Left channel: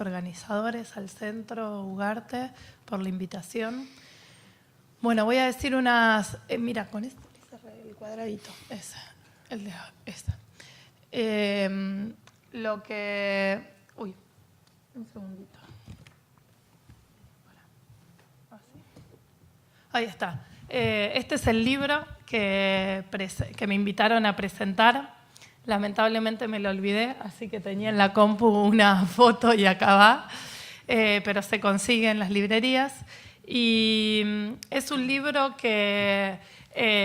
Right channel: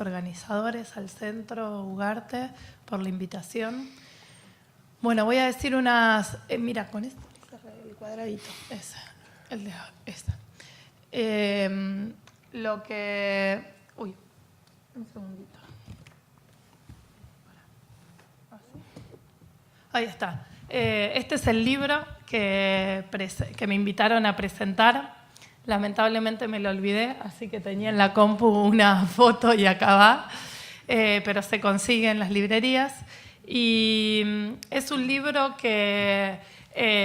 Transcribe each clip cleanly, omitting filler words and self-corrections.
los organizadores, al Centro Ugarte, por la invitación. Bueno, voy a decir unas... mira, con este el cuadradito, ese, el de esta. Lo que... Uy, un segundito. Ahí está. Este es el libro que me invitaron a presentar. Lamentablemente me lo olvidé, así que tenía en la compu una foto y acá va, pero se consigue en las librerías. Y es un libro que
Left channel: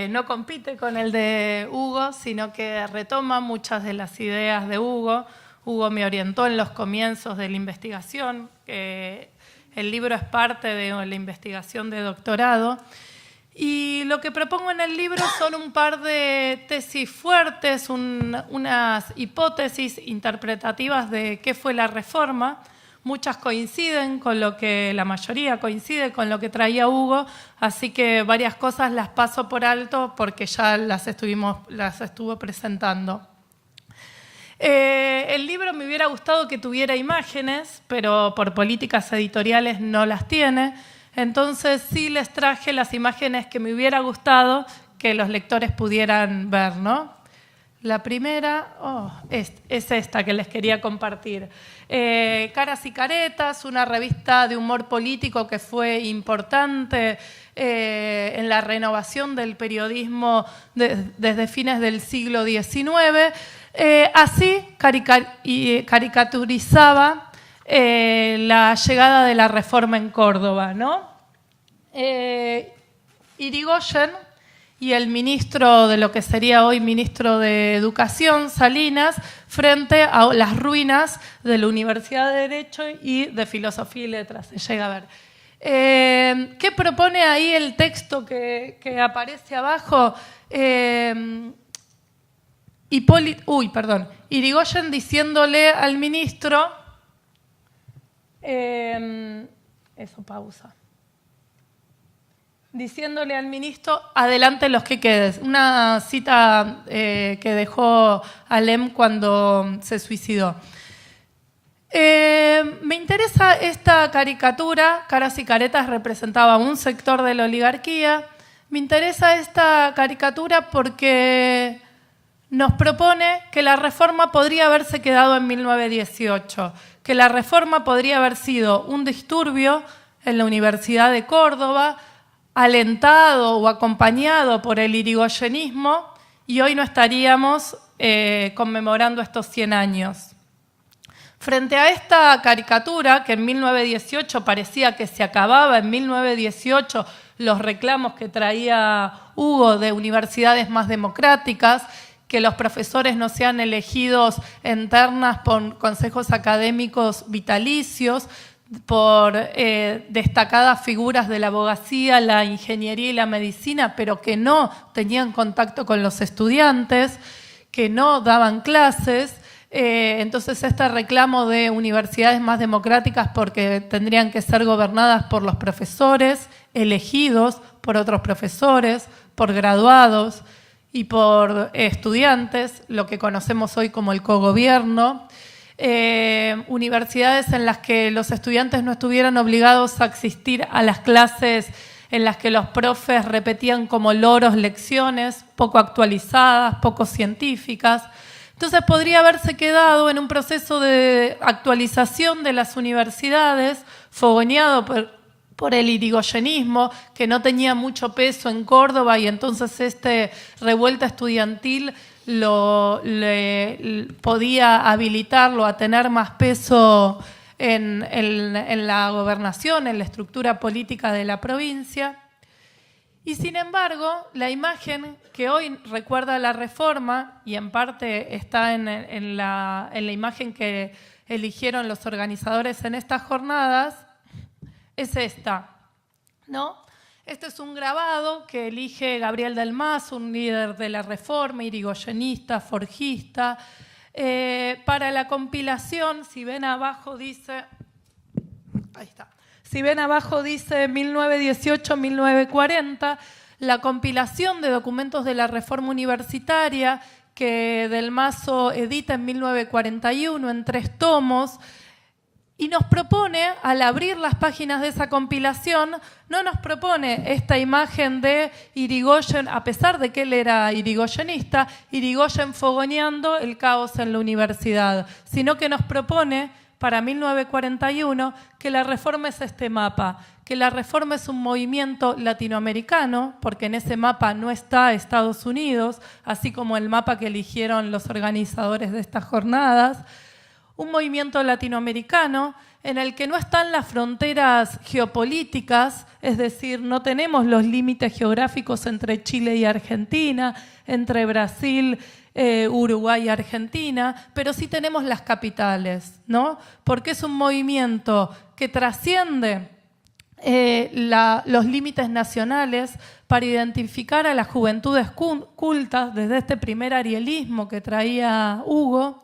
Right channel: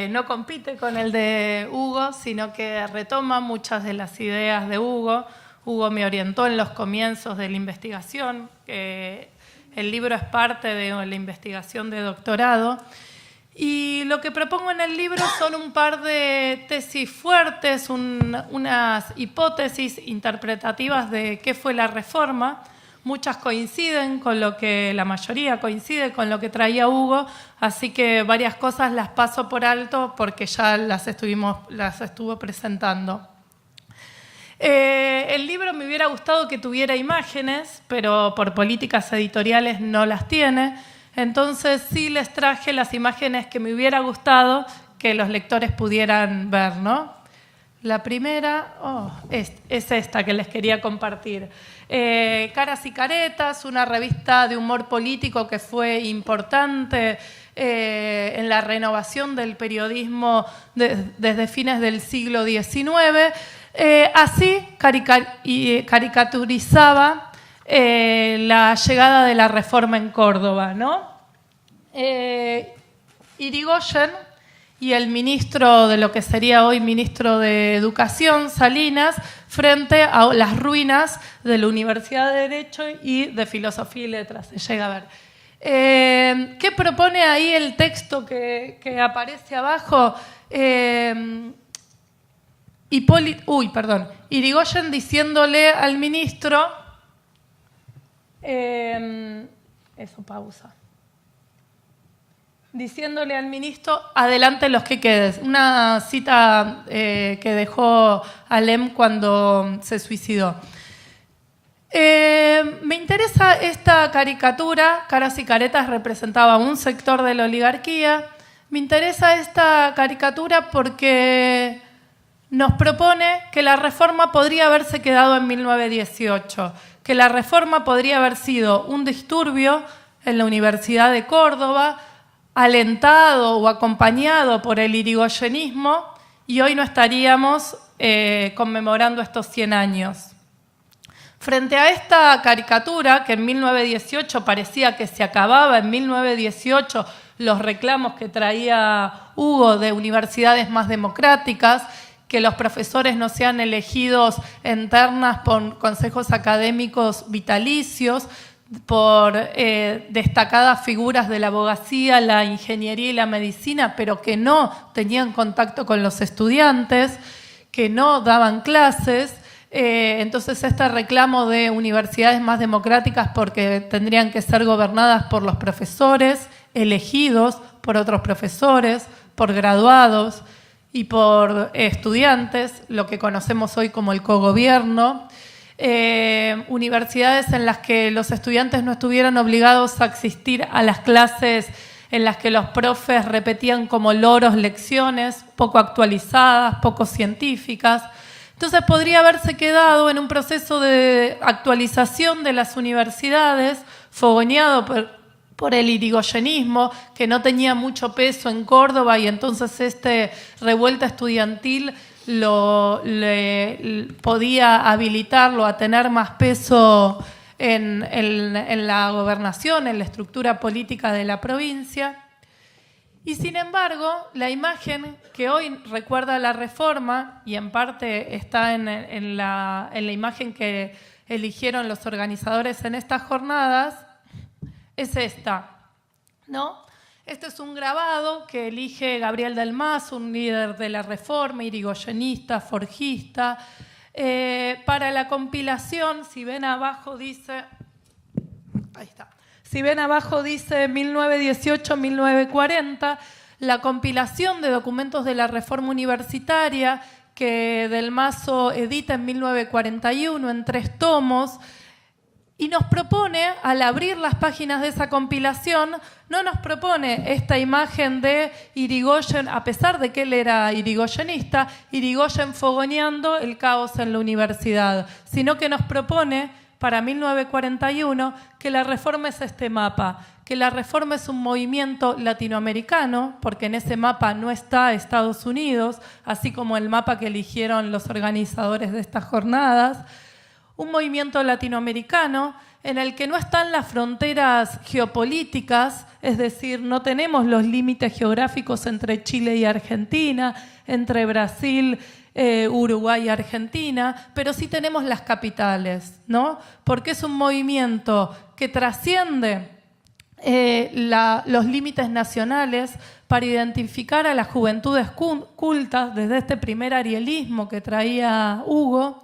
no compite con el de Hugo, sino que retoma muchas de las ideas de Hugo. Hugo me orientó en los comienzos de la investigación. El libro es parte de la investigación de doctorado. Y lo que propongo en el libro son un par de tesis fuertes, unas hipótesis interpretativas de qué fue la reforma. Muchas coinciden con lo que, la mayoría coincide con lo que traía Hugo, así que varias cosas las paso por alto porque ya las estuvo presentando. El libro me hubiera gustado que tuviera imágenes, pero por políticas editoriales no las tiene. Entonces sí les traje las imágenes que me hubiera gustado que los lectores pudieran ver, ¿no? La primera es esta que les quería compartir. Caras y Caretas, una revista de humor político que fue importante en la renovación del periodismo desde fines del siglo XIX. Así caricaturizaba la llegada de la reforma en Córdoba, ¿no? Irigoyen y el ministro de lo que sería hoy ministro de Educación, Salinas, frente a las ruinas de la Universidad de Derecho y de Filosofía y Letras, se llega a ver. ¿Qué propone ahí el texto que aparece abajo? Irigoyen diciéndole al ministro... diciéndole al ministro, adelante los que quedes. Una cita que dejó Alem cuando se suicidó. Me interesa esta caricatura. Caras y Caretas representaba un sector de la oligarquía. Me interesa esta caricatura porque nos propone que la reforma podría haberse quedado en 1918, que la reforma podría haber sido un disturbio en la Universidad de Córdoba, alentado o acompañado por el irigoyenismo, y hoy no estaríamos conmemorando estos 100 años. Frente a esta caricatura, que en 1918 parecía que se acababa, en 1918 los reclamos que traía Hugo de universidades más democráticas, que los profesores no sean elegidos en ternas por consejos académicos vitalicios, por destacadas figuras de la abogacía, la ingeniería y la medicina, pero que no tenían contacto con los estudiantes, que no daban clases. Entonces este reclamo de universidades más democráticas porque tendrían que ser gobernadas por los profesores, elegidos por otros profesores, por graduados y por estudiantes, lo que conocemos hoy como el cogobierno. Universidades en las que los estudiantes no estuvieran obligados a asistir a las clases en las que los profes repetían como loros lecciones poco actualizadas, poco científicas. Entonces podría haberse quedado en un proceso de actualización de las universidades, fogoneado por el irigoyenismo, que no tenía mucho peso en Córdoba, y entonces revuelta estudiantil podía habilitarlo a tener más peso en la gobernación, en la estructura política de la provincia. Y sin embargo, la imagen que hoy recuerda la reforma, y en parte está en la imagen que eligieron los organizadores en estas jornadas, es esta, ¿no? Este es un grabado que elige Gabriel del Mas, un líder de la reforma, irigoyenista, forjista. Para la compilación, si ven abajo dice, ahí está. Si ven abajo dice 1918-1940, la compilación de documentos de la reforma universitaria que Del Mazo edita en 1941 en 3 tomos, Y nos propone, al abrir las páginas de esa compilación, no nos propone esta imagen de Irigoyen, a pesar de que él era irigoyenista, Irigoyen fogoneando el caos en la universidad, sino que nos propone, para 1941, que la Reforma es este mapa, que la Reforma es un movimiento latinoamericano, porque en ese mapa no está Estados Unidos, así como el mapa que eligieron los organizadores de estas jornadas, un movimiento latinoamericano en el que no están las fronteras geopolíticas, es decir, no tenemos los límites geográficos entre Chile y Argentina, entre Brasil, Uruguay y Argentina, pero sí tenemos las capitales, ¿no? Porque es un movimiento que trasciende los límites nacionales para identificar a las juventudes cultas desde este primer arielismo que traía Hugo,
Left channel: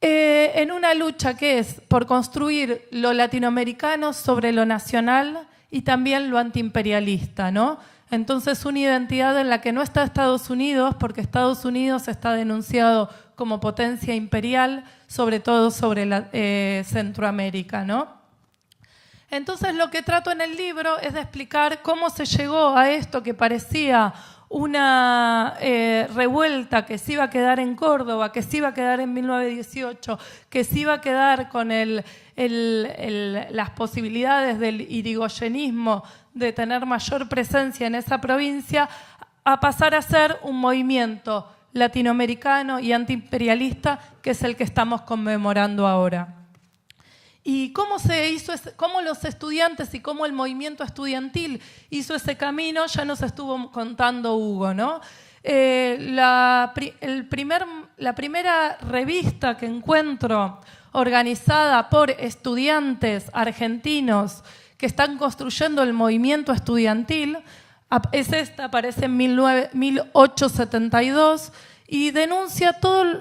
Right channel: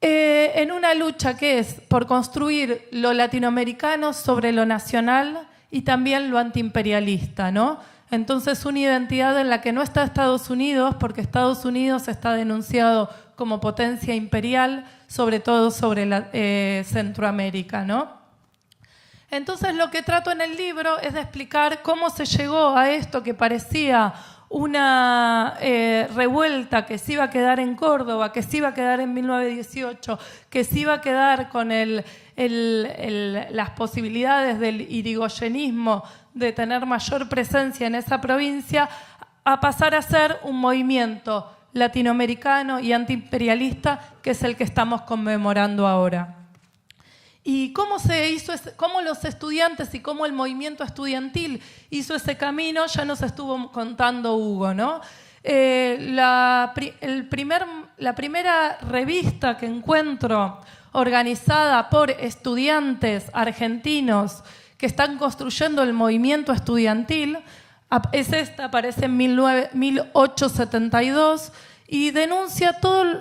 en una lucha que es por construir lo latinoamericano sobre lo nacional y también lo antiimperialista, ¿no? Entonces, una identidad en la que no está Estados Unidos, porque Estados Unidos está denunciado como potencia imperial, sobre todo sobre Centroamérica, ¿no? Entonces, lo que trato en el libro es de explicar cómo se llegó a esto que parecía una revuelta que se iba a quedar en Córdoba, que se iba a quedar en 1918, que se iba a quedar con las posibilidades del irigoyenismo de tener mayor presencia en esa provincia, a pasar a ser un movimiento latinoamericano y antiimperialista, que es el que estamos conmemorando ahora. ¿Y cómo se hizo, cómo los estudiantes y cómo el movimiento estudiantil hizo ese camino? Ya nos estuvo contando Hugo, ¿no? La primera revista que encuentro organizada por estudiantes argentinos que están construyendo el movimiento estudiantil es esta, aparece en 1872, y denuncia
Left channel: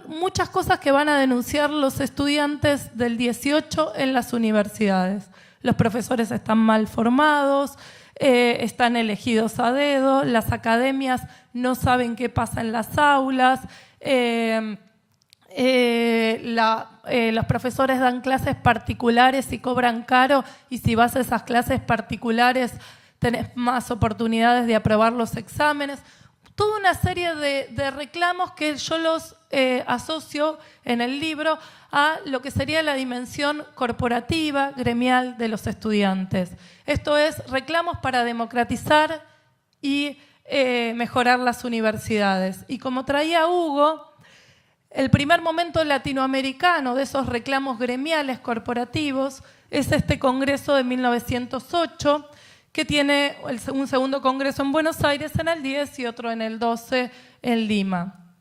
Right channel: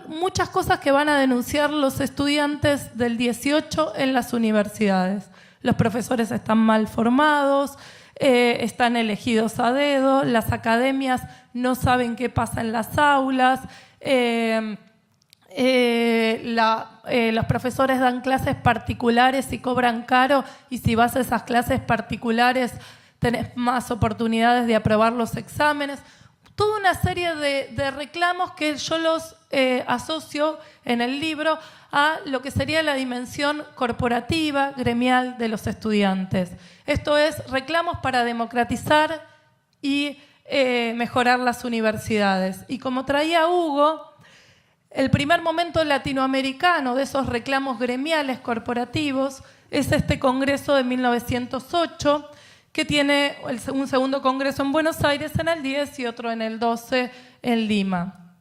muchas cosas que van a denunciar los estudiantes del 18 en las universidades. Los profesores están mal formados, están elegidos a dedo, las academias no saben qué pasa en las aulas, los profesores dan clases particulares y cobran caro, y si vas a esas clases particulares tenés más oportunidades de aprobar los exámenes. Toda una serie de reclamos que yo los asocio en el libro a lo que sería la dimensión corporativa, gremial de los estudiantes. Esto es, reclamos para democratizar y mejorar las universidades. Y como traía Hugo, el primer momento latinoamericano de esos reclamos gremiales corporativos es este congreso de 1908, que tiene un segundo congreso en Buenos Aires en el 10 y otro en el 12 en Lima.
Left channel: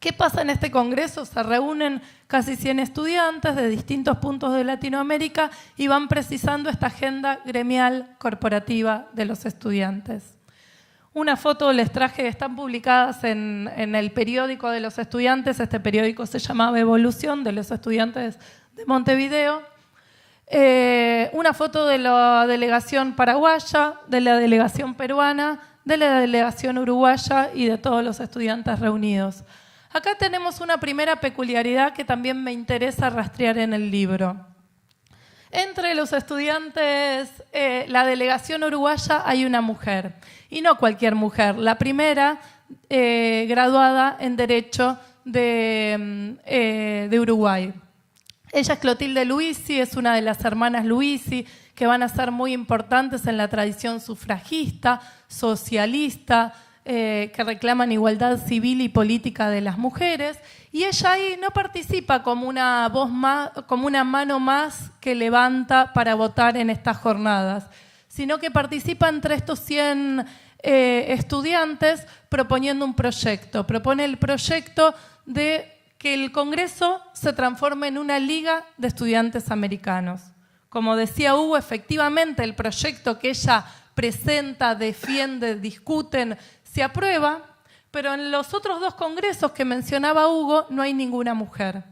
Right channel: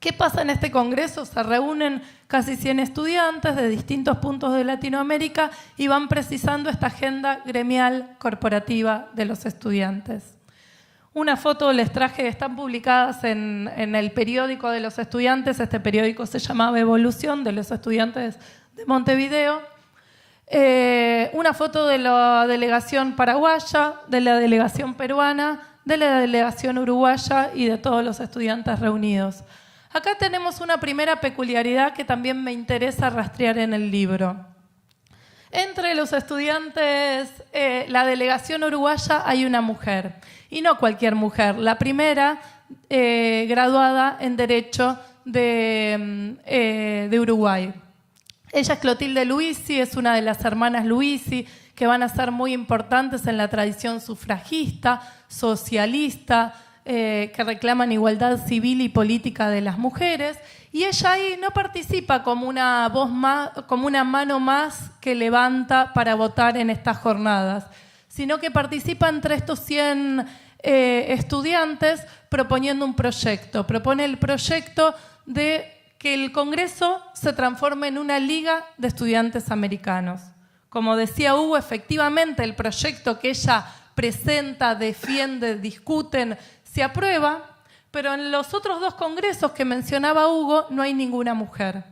¿Qué pasa en este congreso? Se reúnen casi 100 estudiantes de distintos puntos de Latinoamérica y van precisando esta agenda gremial corporativa de los estudiantes. Una foto les traje, están publicadas en el periódico de los estudiantes. Este periódico se llamaba Evolución, de los estudiantes de Montevideo. Una foto de la delegación paraguaya, de la delegación peruana, de la delegación uruguaya y de todos los estudiantes reunidos. Acá tenemos una primera peculiaridad que también me interesa rastrear en el libro. Entre los estudiantes, la delegación uruguaya, hay una mujer, y no cualquier mujer, la primera graduada en Derecho de Uruguay. Ella es Clotilde Luisi, es una de las hermanas Luisi, que van a ser muy importantes en la tradición sufragista, socialista, que reclaman igualdad civil y política de las mujeres, y ella ahí no participa como una voz más, como una mano más que levanta para votar en estas jornadas, sino que participa entre estos 100 estudiantes proponiendo un proyecto. Propone el proyecto de que el Congreso se transforme en una liga de estudiantes americanos. Como decía Hugo, efectivamente el proyecto que ella presenta, defiende, discuten, se aprueba, pero en los otros dos congresos que mencionaba Hugo no hay ninguna mujer.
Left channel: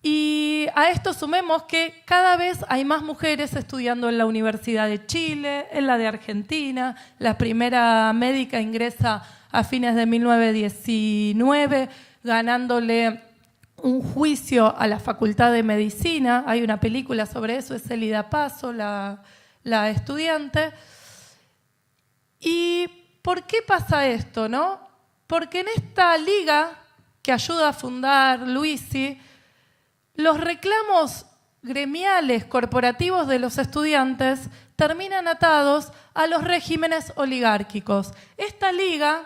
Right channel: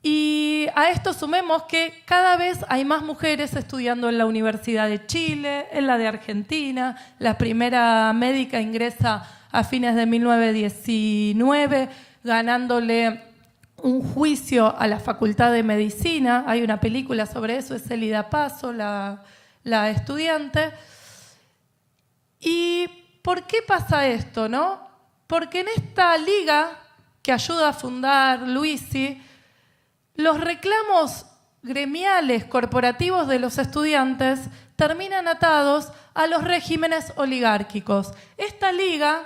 Y a esto sumemos que cada vez hay más mujeres estudiando en la Universidad de Chile, en la de Argentina. La primera médica ingresa a fines de 1919, ganándole un juicio a la Facultad de Medicina. Hay una película sobre eso, es Elida Paso, la estudiante. ¿Y por qué pasa esto, no? Porque en esta liga que ayuda a fundar Luisi, los reclamos gremiales, corporativos de los estudiantes terminan atados a los regímenes oligárquicos. Esta liga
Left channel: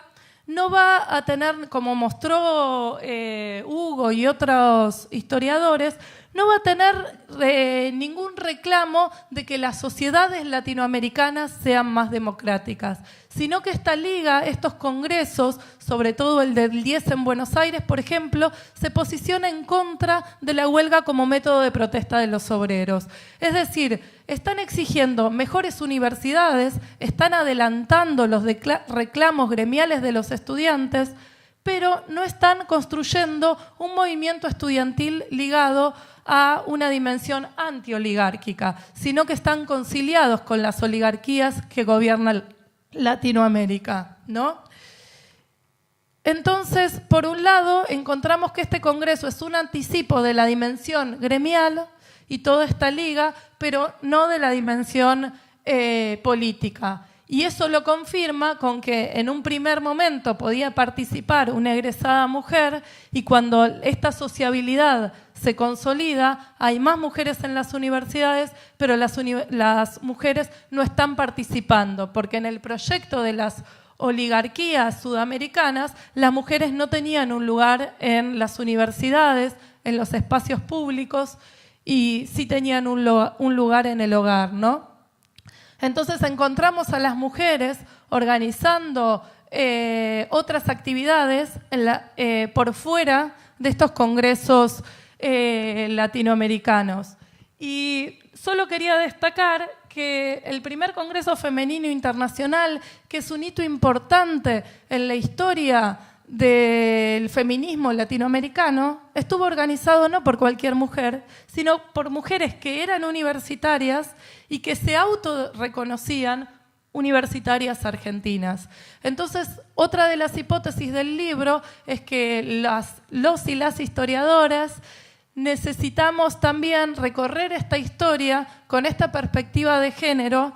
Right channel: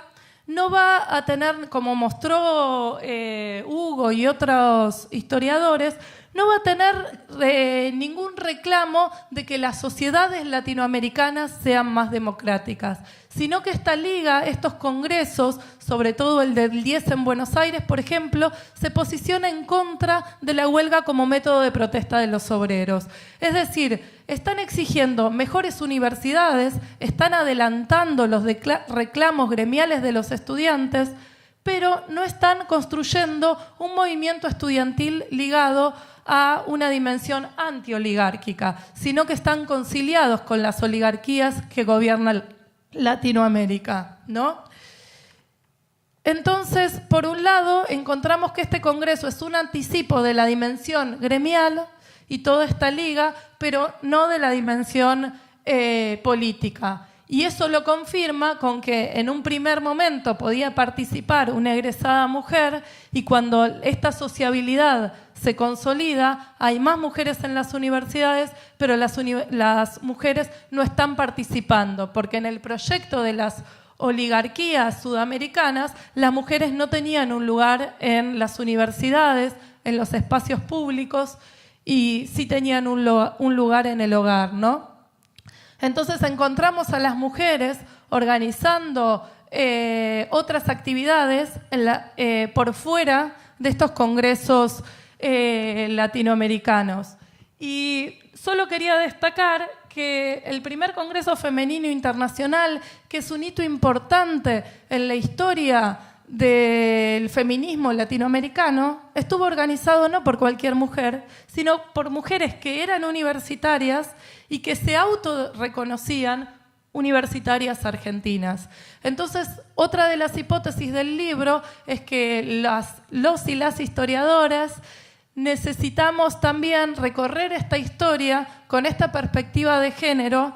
no va a tener, como mostró Hugo y otros historiadores, no va a tener ningún reclamo de que las sociedades latinoamericanas sean más democráticas, sino que esta liga, estos congresos, sobre todo el del 10 en Buenos Aires, por ejemplo, se posiciona en contra de la huelga como método de protesta de los obreros. Es decir, están exigiendo mejores universidades, están adelantando los reclamos gremiales de los estudiantes, pero no están construyendo un movimiento estudiantil ligado a una dimensión antioligárquica, sino que están conciliados con las oligarquías que gobiernan Latinoamérica, ¿no? Entonces, por un lado, encontramos que este congreso es un anticipo de la dimensión gremial y toda esta liga, pero no de la dimensión política. Y eso lo confirma con que en un primer momento podía participar una egresada mujer, y cuando esta sociabilidad se consolida, hay más mujeres en las universidades, pero las mujeres no están participando, porque en el proyecto de las oligarquías sudamericanas, las mujeres no tenían un lugar en las universidades, en los espacios públicos, y sí tenían un lugar en el hogar, ¿no? Entonces encontramos a las mujeres organizando otras actividades por fuera de estos congresos latinoamericanos. Y solo quería destacar que el primer Congreso Femenino Internacional, que es un hito importante en la historia del feminismo latinoamericano, estuvo organizado no por cualquier mujer, sino por mujeres que eran universitarias y que se autorreconocían universitarias argentinas. Entonces, otra de las hipótesis del libro es que los y las historiadoras necesitamos también recorrer esta historia con esta perspectiva de género,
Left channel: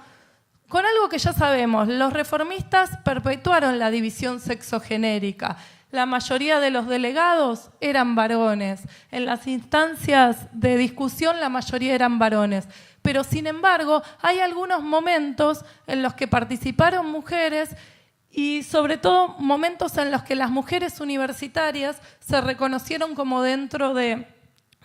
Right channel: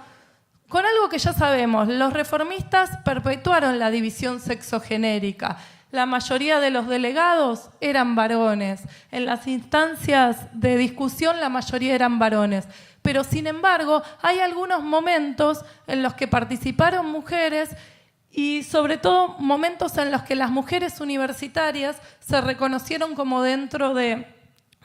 con algo que ya sabemos. Los reformistas perpetuaron la división sexogenérica. La mayoría de los delegados eran varones. En las instancias de discusión la mayoría eran varones. Pero sin embargo hay algunos momentos en los que participaron mujeres, y sobre todo momentos en los que las mujeres universitarias se reconocieron como dentro de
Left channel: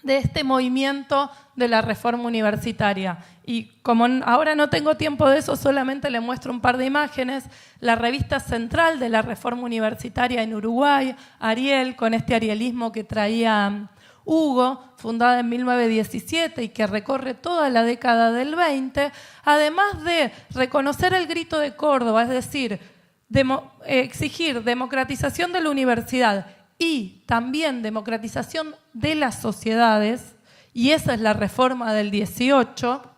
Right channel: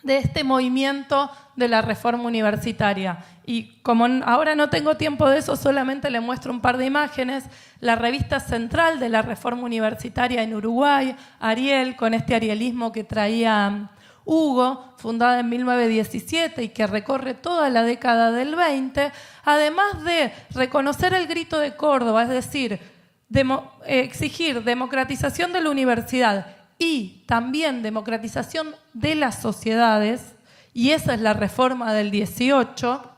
este movimiento de la reforma universitaria. Y como ahora no tengo tiempo de eso, solamente le muestro un par de imágenes. La revista central de la reforma universitaria en Uruguay, Ariel, con este arielismo que traía Hugo, fundada en 1917 y que recorre toda la década del 20, además de reconocer el grito de Córdoba, es decir, exigir democratización de la universidad y también democratización de las sociedades, y esa es la reforma del 18.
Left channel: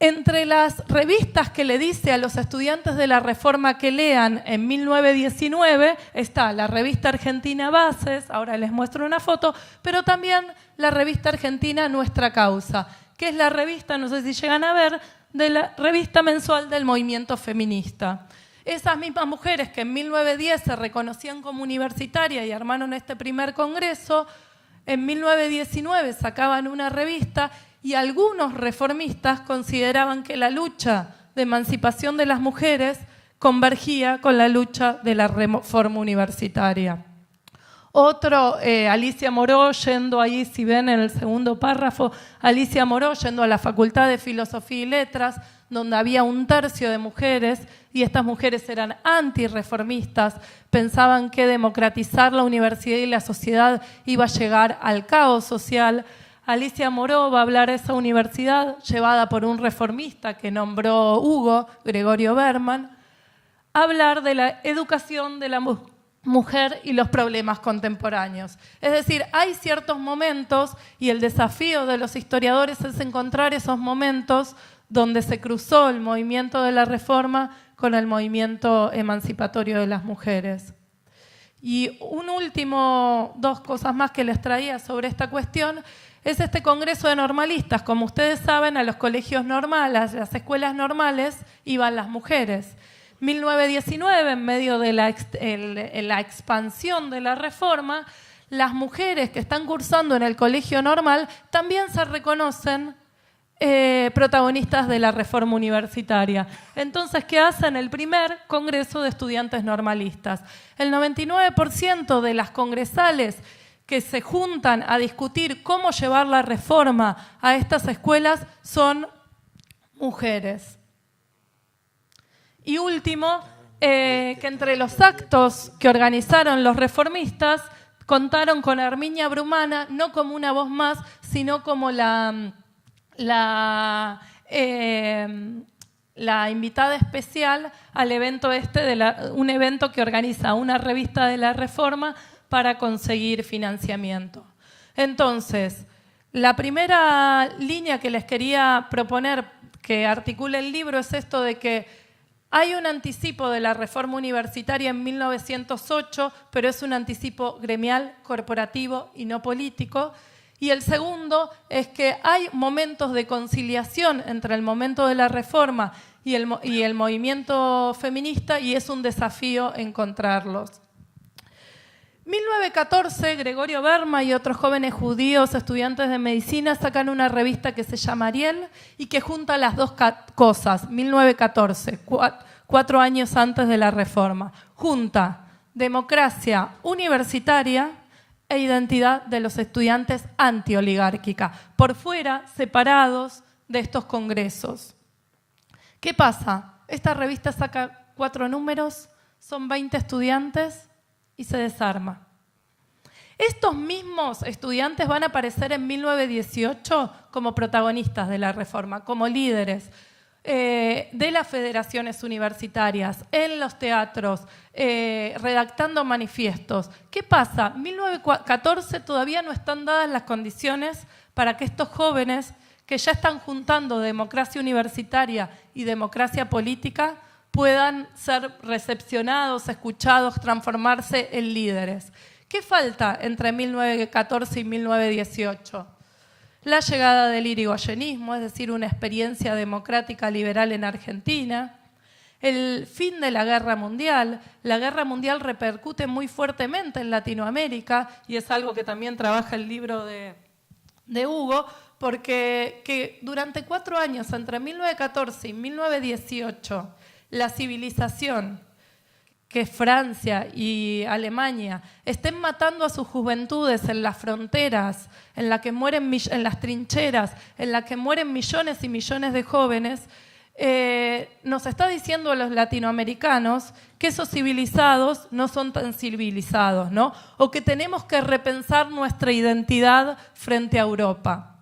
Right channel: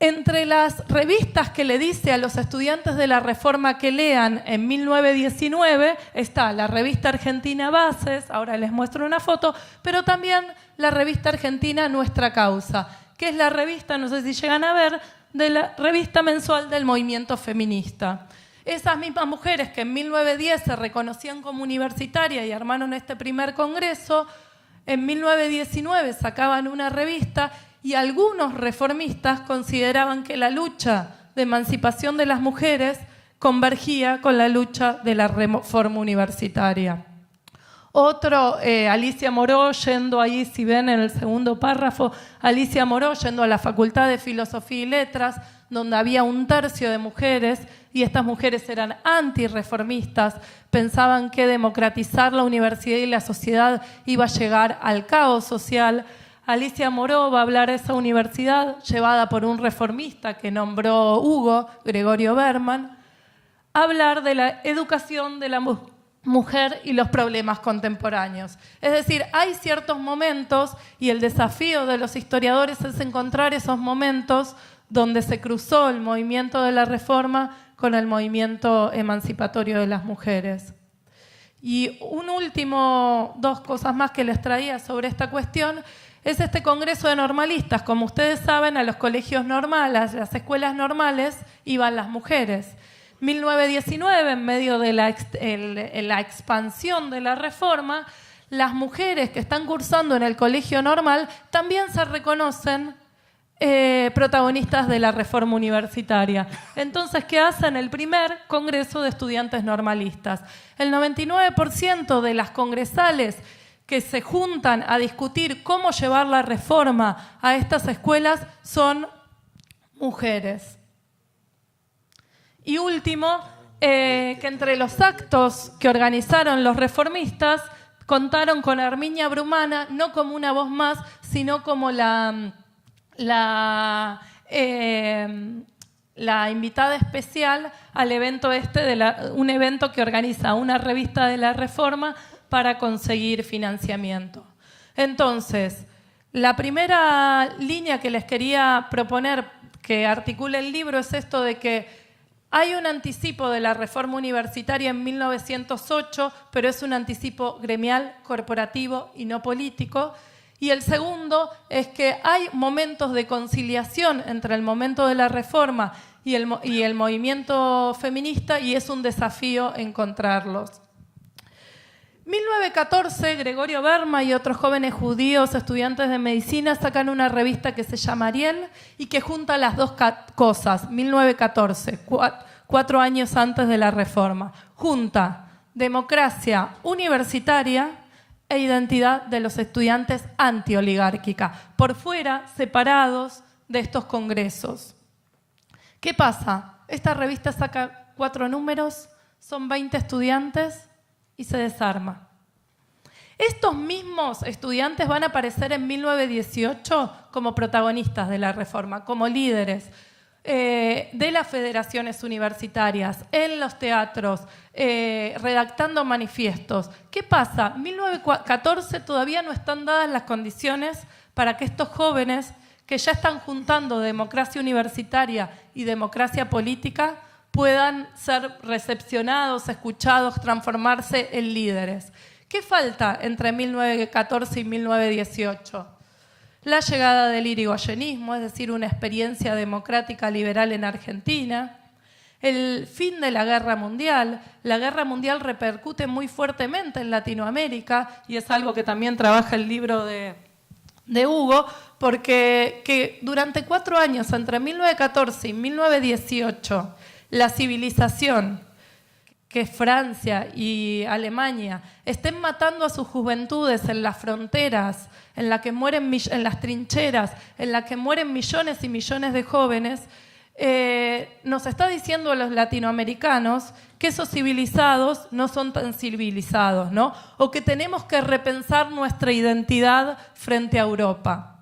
Entre las revistas que le dice a los estudiantes de la Reforma que lean en 1919 está la revista argentina Bases, ahora les muestro una foto, pero también la revista argentina Nuestra Causa, que es la revista, no sé si llegan a ver, de la revista mensual del movimiento feminista. Esas mismas mujeres que en 1910 se reconocían como universitarias y armaron este primer congreso, en 1919 sacaban una revista. Y algunos reformistas consideraban que la lucha de emancipación de las mujeres convergía con la lucha de la reforma universitaria. Otro, Alicia Moró, yendo ahí, si ven en el segundo párrafo, Alicia Moró yendo a la Facultad de Filosofía y Letras, donde había un tercio de mujeres, y estas mujeres eran antirreformistas, pensaban que democratizar la universidad y la sociedad iba a llegar al caos social. Alicia Moró va a hablar de esa universidad llevada por un reformista que nombró Hugo, Gregorio Berman, a hablar de la educación de la mujer y los problemas contemporáneos. Es decir, hay ciertos momentos, y el desafío de los historiadores es encontrar esos momentos donde se cruzó el movimiento de la reforma con el movimiento emancipatorio de las mujeres. Y dos cosas más que les traía sobre esta cuestión, es este Congreso de Normalistas. Como ustedes saben, a los colegios normales, a las escuelas normales, iban las mujeres. 1919, en medio de la expansión de la reforma, las mujeres que están cursando en el colegio normal también se reconocen protagonistas de la reforma universitaria. Entonces, ¿qué hacen? El primer Congreso de Estudiantes Normalistas. El 99% de las congresales que se juntan a discutir cómo llevar la reforma a estas escuelas son mujeres. Y último, que entre los actos que organizaron los reformistas contaron con Herminia Brumana, no como una voz más, sino como la invitada especial al evento un evento que organiza una revista de la Reforma para conseguir financiamiento. Entonces, la primera línea que les quería proponer que articule el libro es esto de que hay un anticipo de la reforma universitaria en 1908, pero es un anticipo gremial, corporativo y no político. Y el segundo es que hay momentos de conciliación entre el momento de la reforma y el movimiento feminista, y es un desafío encontrarlos. 1914, Gregorio Berma y otros jóvenes judíos estudiantes de medicina sacan una revista que se llama Ariel y que junta las dos cosas. 1914, 4 años antes de la reforma, junta democracia universitaria e identidad de los estudiantes antioligárquica, por fuera, separados de estos congresos. ¿Qué pasa? Esta revista saca 4 números, son 20 estudiantes y se desarma. Estos mismos estudiantes van a aparecer en 1918 como protagonistas de la reforma, como líderes de las federaciones universitarias, en los teatros, redactando manifiestos. ¿Qué pasa? En 1914 todavía no están dadas las condiciones para que estos jóvenes que ya están juntando democracia universitaria y democracia política puedan ser recepcionados, escuchados, transformarse en líderes. ¿Qué falta entre 1914 y 1918? La llegada del irigoyenismo, es decir, una experiencia democrática liberal en Argentina, el fin de la Guerra Mundial. La Guerra Mundial repercute muy fuertemente en Latinoamérica y es algo que también trabaja el libro de Hugo, porque que durante 4 años, entre 1914 y 1918, la civilización, que Francia y Alemania estén matando a sus juventudes en las fronteras, en las trincheras, en las que mueren millones y millones de jóvenes, nos está diciendo a los latinoamericanos que esos civilizados no son tan civilizados, ¿no? O que tenemos que repensar nuestra identidad frente a Europa.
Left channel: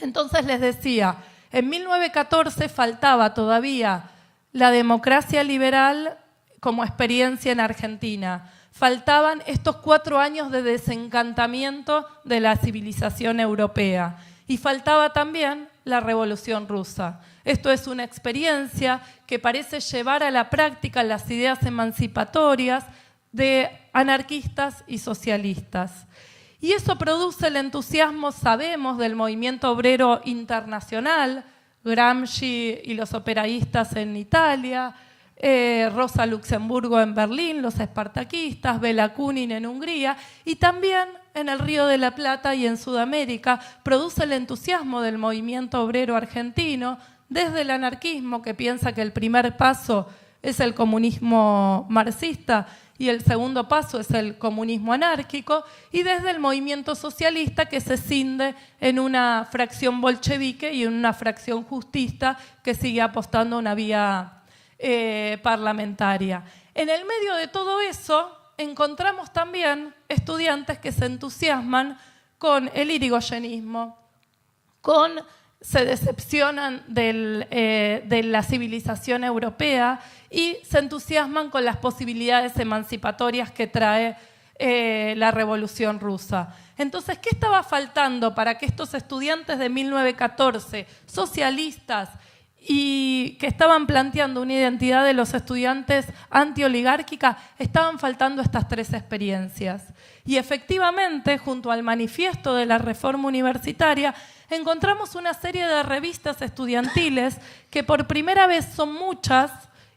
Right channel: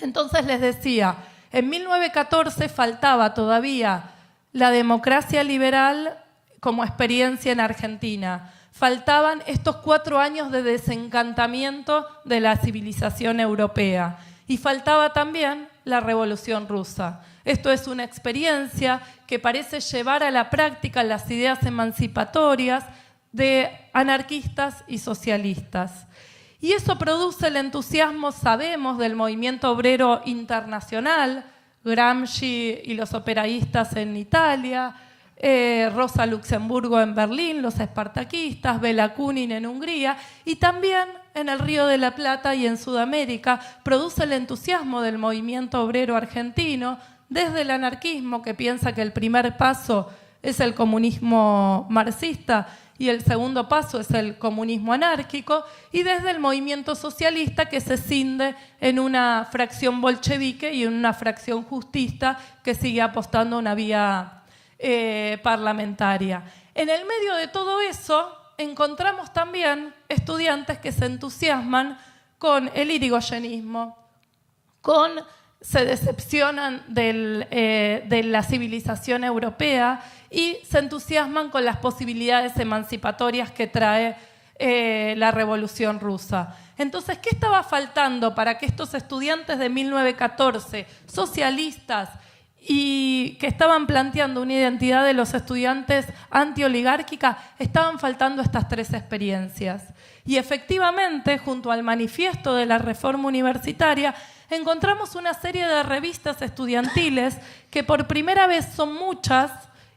Entonces les decía, en 1914 faltaba todavía la democracia liberal como experiencia en Argentina. Faltaban estos 4 años de desencantamiento de la civilización europea. Y faltaba también la Revolución Rusa. Esto es una experiencia que parece llevar a la práctica las ideas emancipatorias de anarquistas y socialistas. Y eso produce el entusiasmo, sabemos, del movimiento obrero internacional, Gramsci y los operaístas en Italia, Rosa Luxemburgo en Berlín, los espartaquistas, Bela Kunin en Hungría, y también en el Río de la Plata y en Sudamérica produce el entusiasmo del movimiento obrero argentino, desde el anarquismo, que piensa que el primer paso es el comunismo marxista y el segundo paso es el comunismo anárquico, y desde el movimiento socialista, que se cinde en una fracción bolchevique y en una fracción justista que sigue apostando a una vía parlamentaria. En el medio de todo eso encontramos también estudiantes que se entusiasman con el irigoyenismo, se decepcionan de la civilización europea y se entusiasman con las posibilidades emancipatorias que trae la Revolución Rusa. Entonces, ¿qué estaba faltando para que estos estudiantes de 1914, socialistas y que estaban planteando una identidad de los estudiantes antioligárquica, estaban faltando estas tres experiencias. Y efectivamente, junto al manifiesto de la reforma universitaria, encontramos una serie de revistas estudiantiles que por primera vez son muchas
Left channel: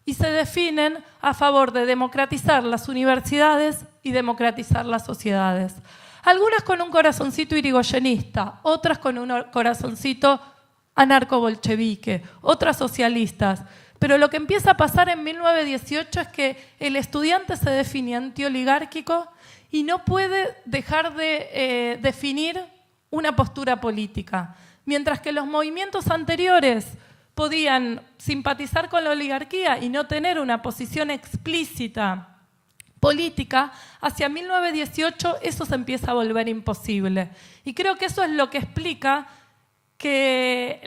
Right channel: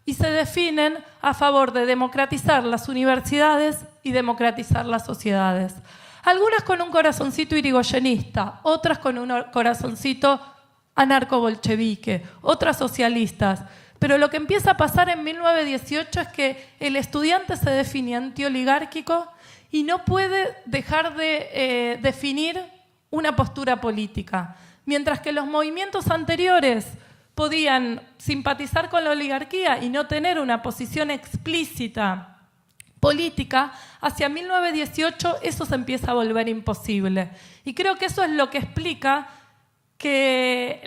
y se definen a favor de democratizar las universidades y democratizar las sociedades. Algunas con un corazoncito irigoyenista, otras con un corazoncito anarco-bolchevique, otras socialistas. Pero lo que empieza a pasar en 1918 es que el estudiante se define antioligárquico y no puede dejar de definir una postura política. Mientras que los movimientos anteriores podían simpatizar con la oligarquía y no tener una posición explícita política, hacia 1918 eso se empieza a volver imposible. Y creo que eso es lo que explica que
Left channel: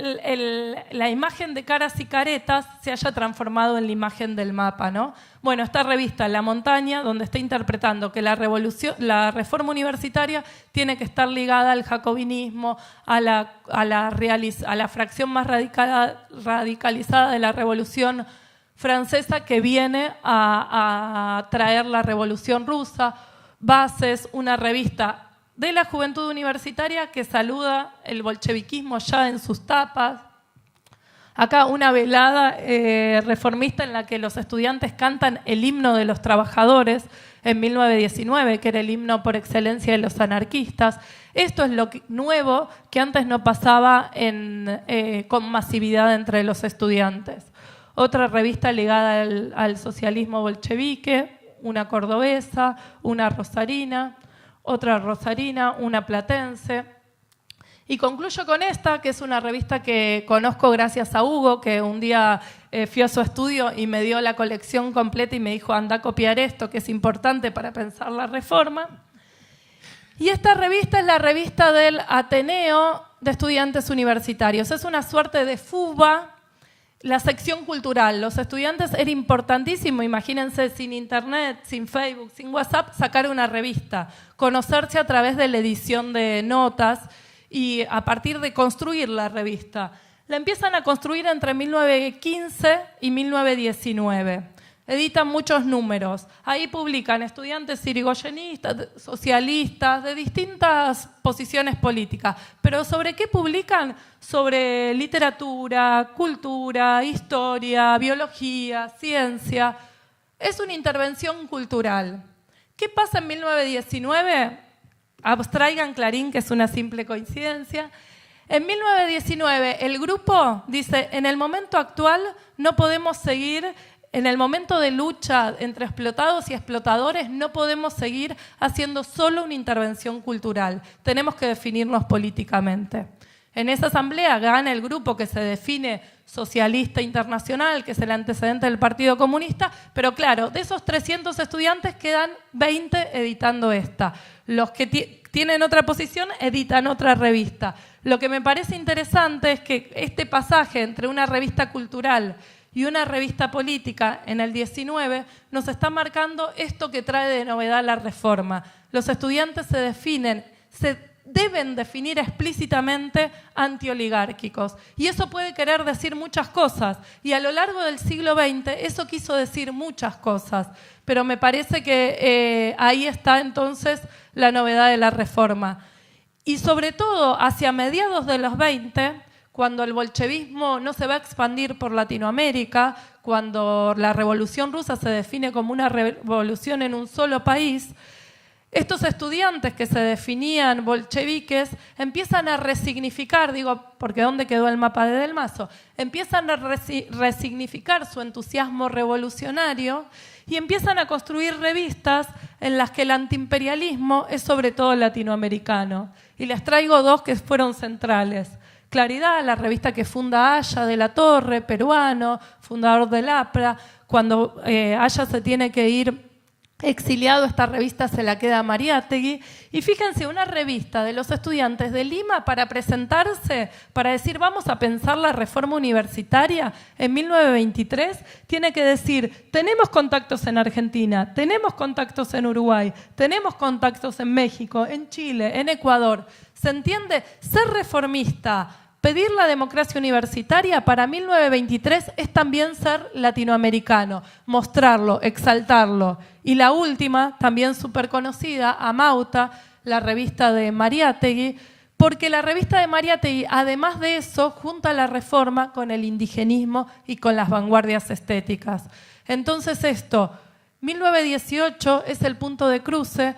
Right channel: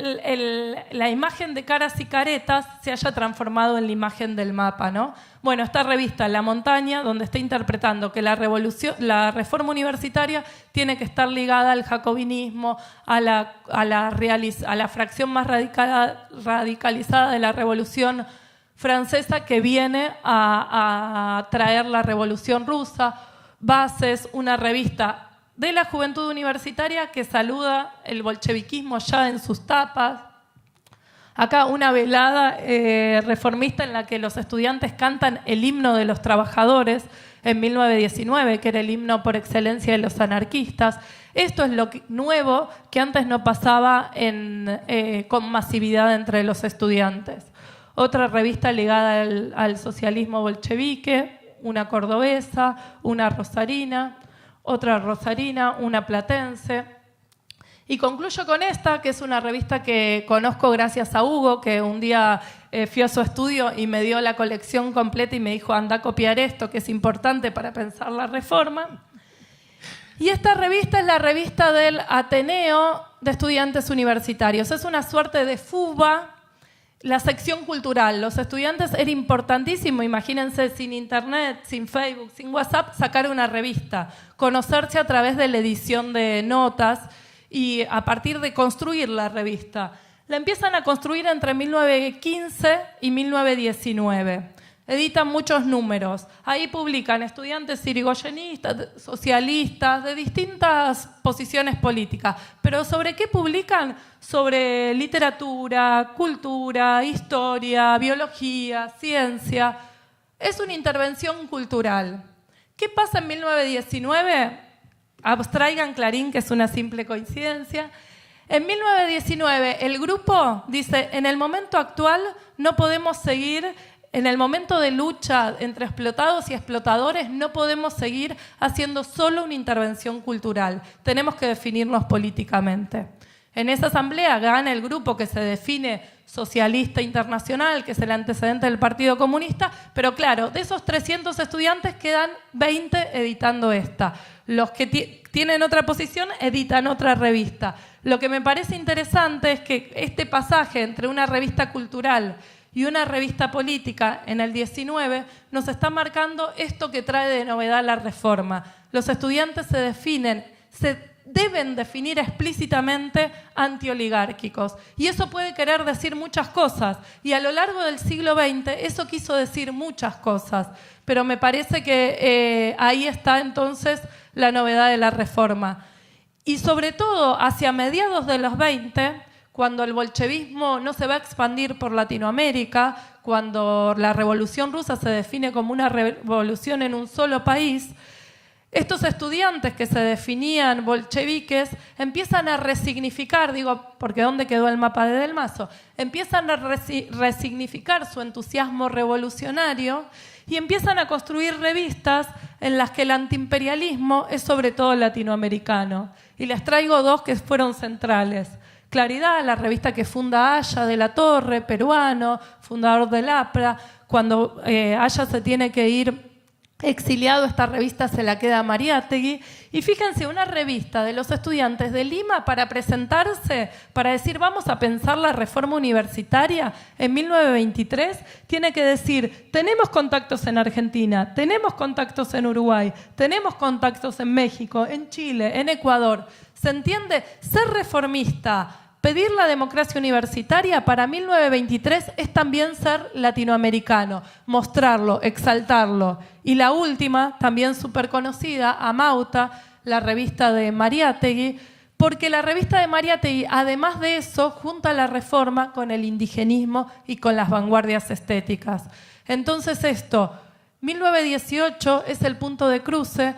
la imagen de caras y caretas se haya transformado en la imagen del mapa, ¿no? Bueno, esta revista La Montaña, donde está interpretando que la reforma universitaria tiene que estar ligada al jacobinismo, a la fracción más radicalizada de la Revolución Francesa que viene a traer la Revolución Rusa. Bases, una revista de la juventud universitaria que saluda el bolcheviquismo ya en sus tapas. Acá una velada reformista en la que los estudiantes cantan el himno de los trabajadores en 1919, que era el himno por excelencia de los anarquistas. Esto es lo nuevo que antes no pasaba con masividad entre los estudiantes. Otra revista ligada al socialismo bolchevique, una cordobesa, una rosarina, otra rosarina, una platense. Y concluyo con esta, que es una revista que conozco gracias a Hugo, que un día fui a su estudio y me dio la colección completa y me dijo, anda a copiar esto, que es importante para pensar la reforma. Y esta revista es la revista del Ateneo de Estudiantes Universitarios. Es una suerte de FUBA, la sección cultural. Los estudiantes era importantísimo, imagínense, sin internet, sin Facebook, sin WhatsApp, sacar una revista, conocerse a través de la edición de notas y a partir de construir la revista. La empiezan a construir entre 1915 y 1919. Editan muchos números. Ahí publican estudiantes irigoyenistas, socialistas, de distintas posiciones políticas. ¿Pero sobre qué publican? Sobre literatura, cultura, historia, biología, ciencia. Es una intervención cultural. ¿Qué pasa en 1919? Abstraigan Clarín, que es una simple coincidencia. En 1919 el grupo dice, en el momento actual no podemos seguir. En el momento de lucha entre explotados y explotadores no podemos seguir haciendo solo una intervención cultural. Tenemos que definirnos políticamente. En esa asamblea gana el grupo que se define socialista internacional, que es el antecedente del Partido Comunista, pero claro, de esos 300 estudiantes quedan 20 editando esta. Los que tienen otra posición editan otra revista. Lo que me parece interesante es que este pasaje entre una revista cultural y una revista política en el 19 nos está marcando esto que trae de novedad la reforma. Los estudiantes se deben definir explícitamente antioligárquicos. Y eso puede querer decir muchas cosas. Y a lo largo del siglo XX eso quiso decir muchas cosas. Pero me parece que ahí está entonces la novedad de la reforma. Y sobre todo hacia mediados de los 20, cuando el bolchevismo no se va a expandir por Latinoamérica, cuando la Revolución Rusa se define como una revolución en un solo país, estos estudiantes que se definían bolcheviques empiezan a resignificar, porque ¿dónde quedó el mapa de Del Mazo? Empiezan a resignificar su entusiasmo revolucionario y empiezan a construir revistas en las que el antiimperialismo es sobre todo latinoamericano. Y les traigo dos que fueron centrales. Claridad, la revista que funda Aya de la Torre, peruano, fundador del APRA. Cuando Aya se tiene que ir exiliado, esta revista se la queda a Mariátegui. Y fíjense, una revista de los estudiantes de Lima para presentarse, para decir vamos a pensar la reforma universitaria en 1923, tiene que decir, tenemos contactos en Argentina, tenemos contactos en Uruguay, tenemos contactos en México, en Chile, en Ecuador. ¿Se entiende? Ser reformista pedir la democracia universitaria para 1923 es también ser latinoamericano, mostrarlo, exaltarlo. Y la última, también súper conocida, Amauta, la revista de Mariátegui, porque la revista de Mariátegui, además de eso, junta la reforma con el indigenismo y con las vanguardias estéticas. Entonces 1918 es el punto de cruce,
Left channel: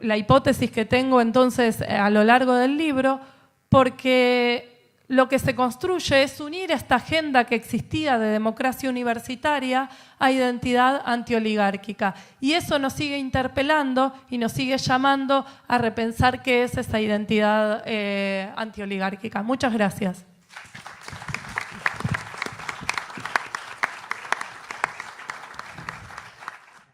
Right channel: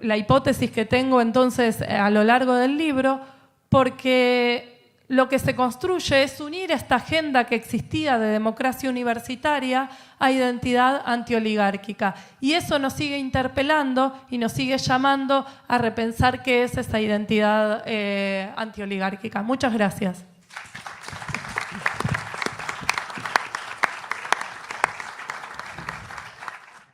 la hipótesis que tengo entonces a lo largo del libro, porque lo que se construye es unir esta agenda que existía de democracia universitaria a identidad antioligárquica. Y eso nos sigue interpelando y nos sigue llamando a repensar qué es esa identidad antioligárquica. Muchas gracias.